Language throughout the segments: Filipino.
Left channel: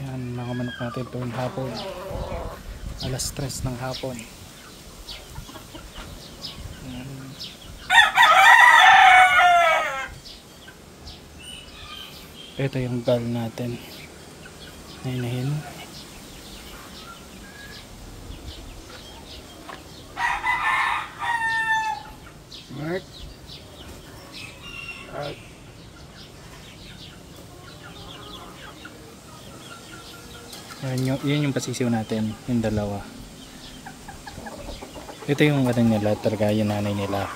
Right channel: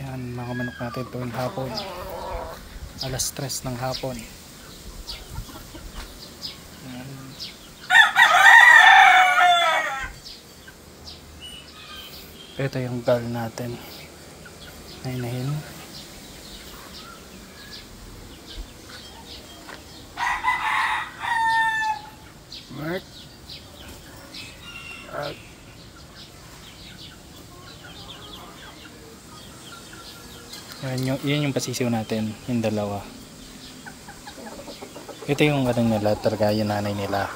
Yan mga manok natin tuwing hapon. Alas 3 ng hapon. Yan. Ito yung gal natin. Nainahin. Mark. Yun yung pasisiw natin, yung dalawa. Ito yung ano nila, talaga yung nanay nila.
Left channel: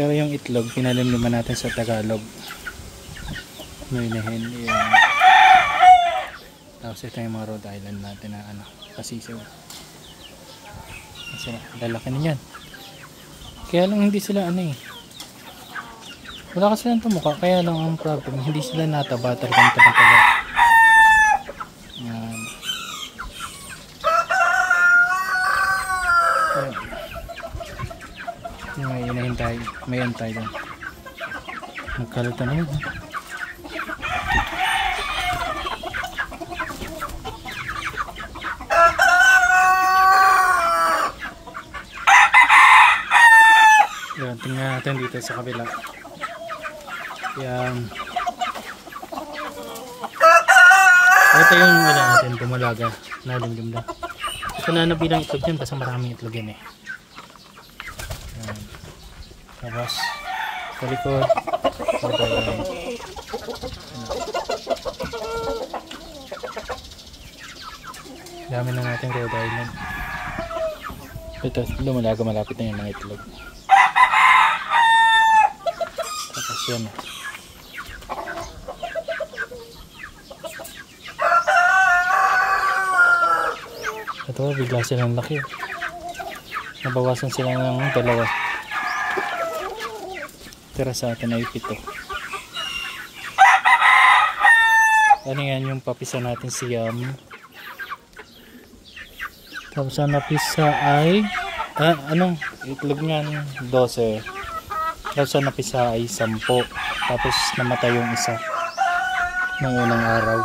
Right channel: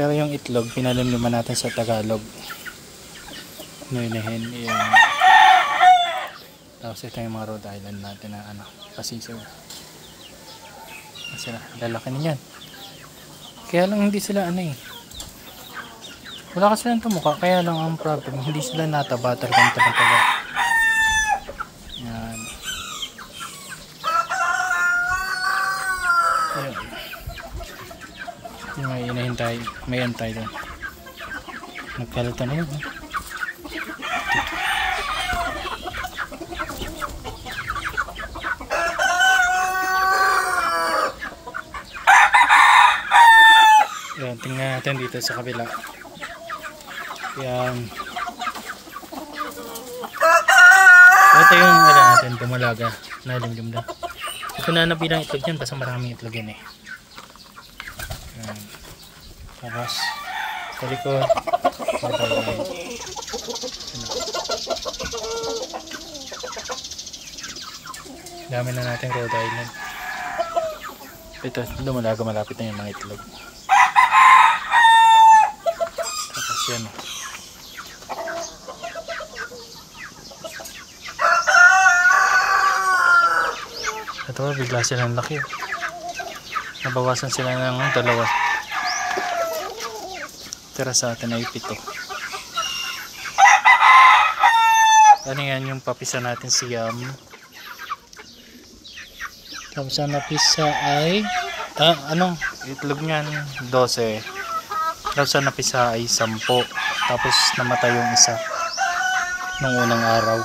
Pero yung itlog, pinalimliman natin sa Tagalog. Nainahin, yung... Tapos ito yung mga Rhode Island natin na ano, pasisiw. Kasi lalaki na yan. Kaya lang hindi sila ano eh. Wala kasi lang tumukha, kaya lang ang problem, hindi sila nataba, talagang taba. Yan. Ayan. Yung may inahintay, may antay doon. Nagkalito na yun. Yan, tingnan natin dito sa kabila. Yan. Ito yung wala natin, dumalaga. Nalimlim na. Ito na nabilang itlog dyan, kasi maraming itlog yan eh. Yan. Tapos, sa likod. Ito yan. Dami na natin Rhode Island. Ito, dumalaga, malapit na yung mga itlog. Tapos yan. Ito, bigla silang laki. Nabawasan sila ng 2. Tira sa atin ay 7. Ano yan yung papisa natin siyam. Tapos ang napisa ay itlog niyan 12. Tapos ang napisa ay 10. Tapos namatay yung isa nung unang araw.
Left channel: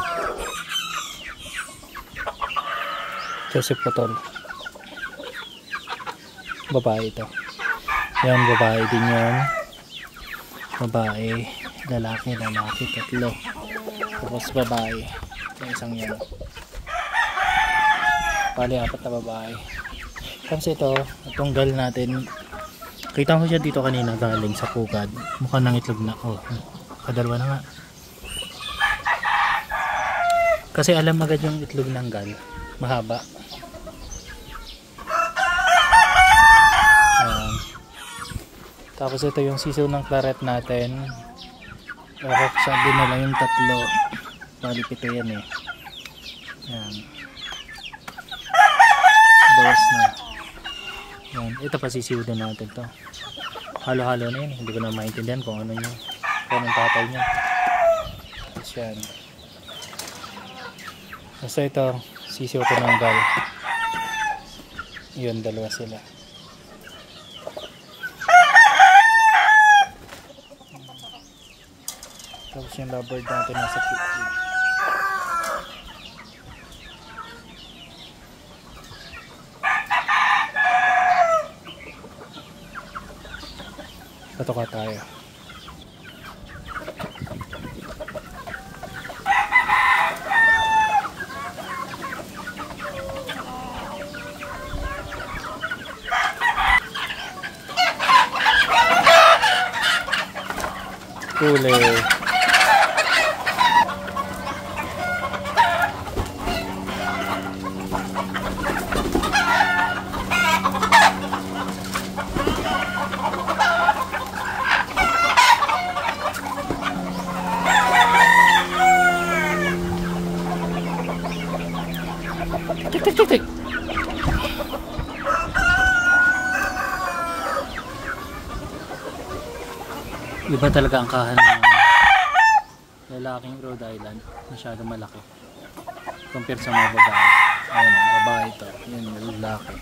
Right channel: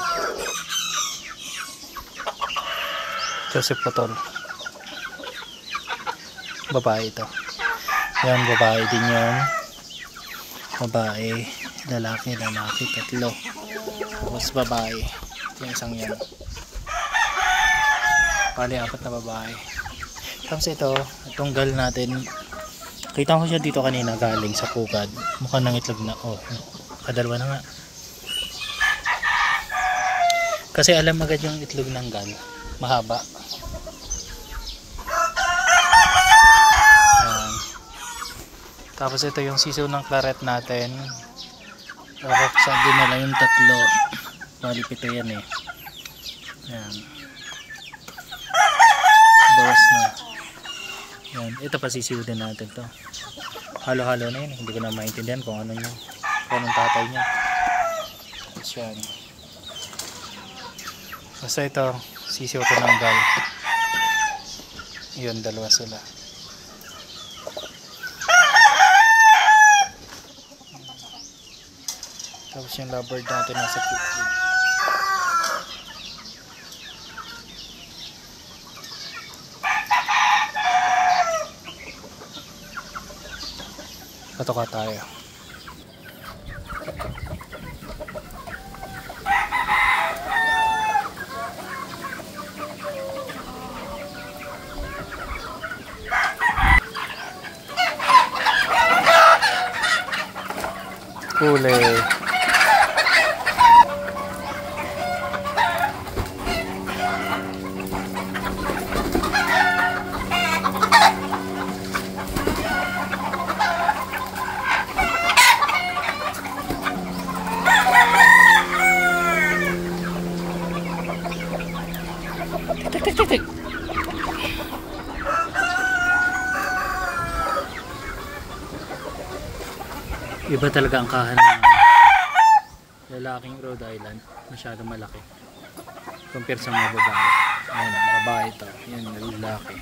Joseph Potol. Babae ito. Yan, babae din yan. Babae, lalaki, 3. Tapos babae. Yung isang yan. Pali 4 na babae. Tapos ito, itong gal natin. Kita ko siya dito kanina galing sa pukad. Mukhang nang itlog na. Oh, kadalawa na nga. Kasi alam agad yung itlog ng gal. Mahaba. Ayan. Tapos ito yung sisiw ng claret natin. Kakaksan din nila yung 3. Bali 7 yan eh. Ayan. Bawas na. Ayan. Ito pa sisiw din natin to. Halo-halo na yun. Hindi ko na maintindihan kung ano yun. Kung anong tatay niya. Tapos yan. Basta ito, sisiw ko ng gal. Yun, 2 sila. Tapos yung lovebird natin nasa kitchen. Patoka tayo. Huli. Tik. Iba talaga ang kahan ng lalaking Rhode Island. Masyadong malaki compare sa mga babae. Ayun, babae ito. Yan, lalaki.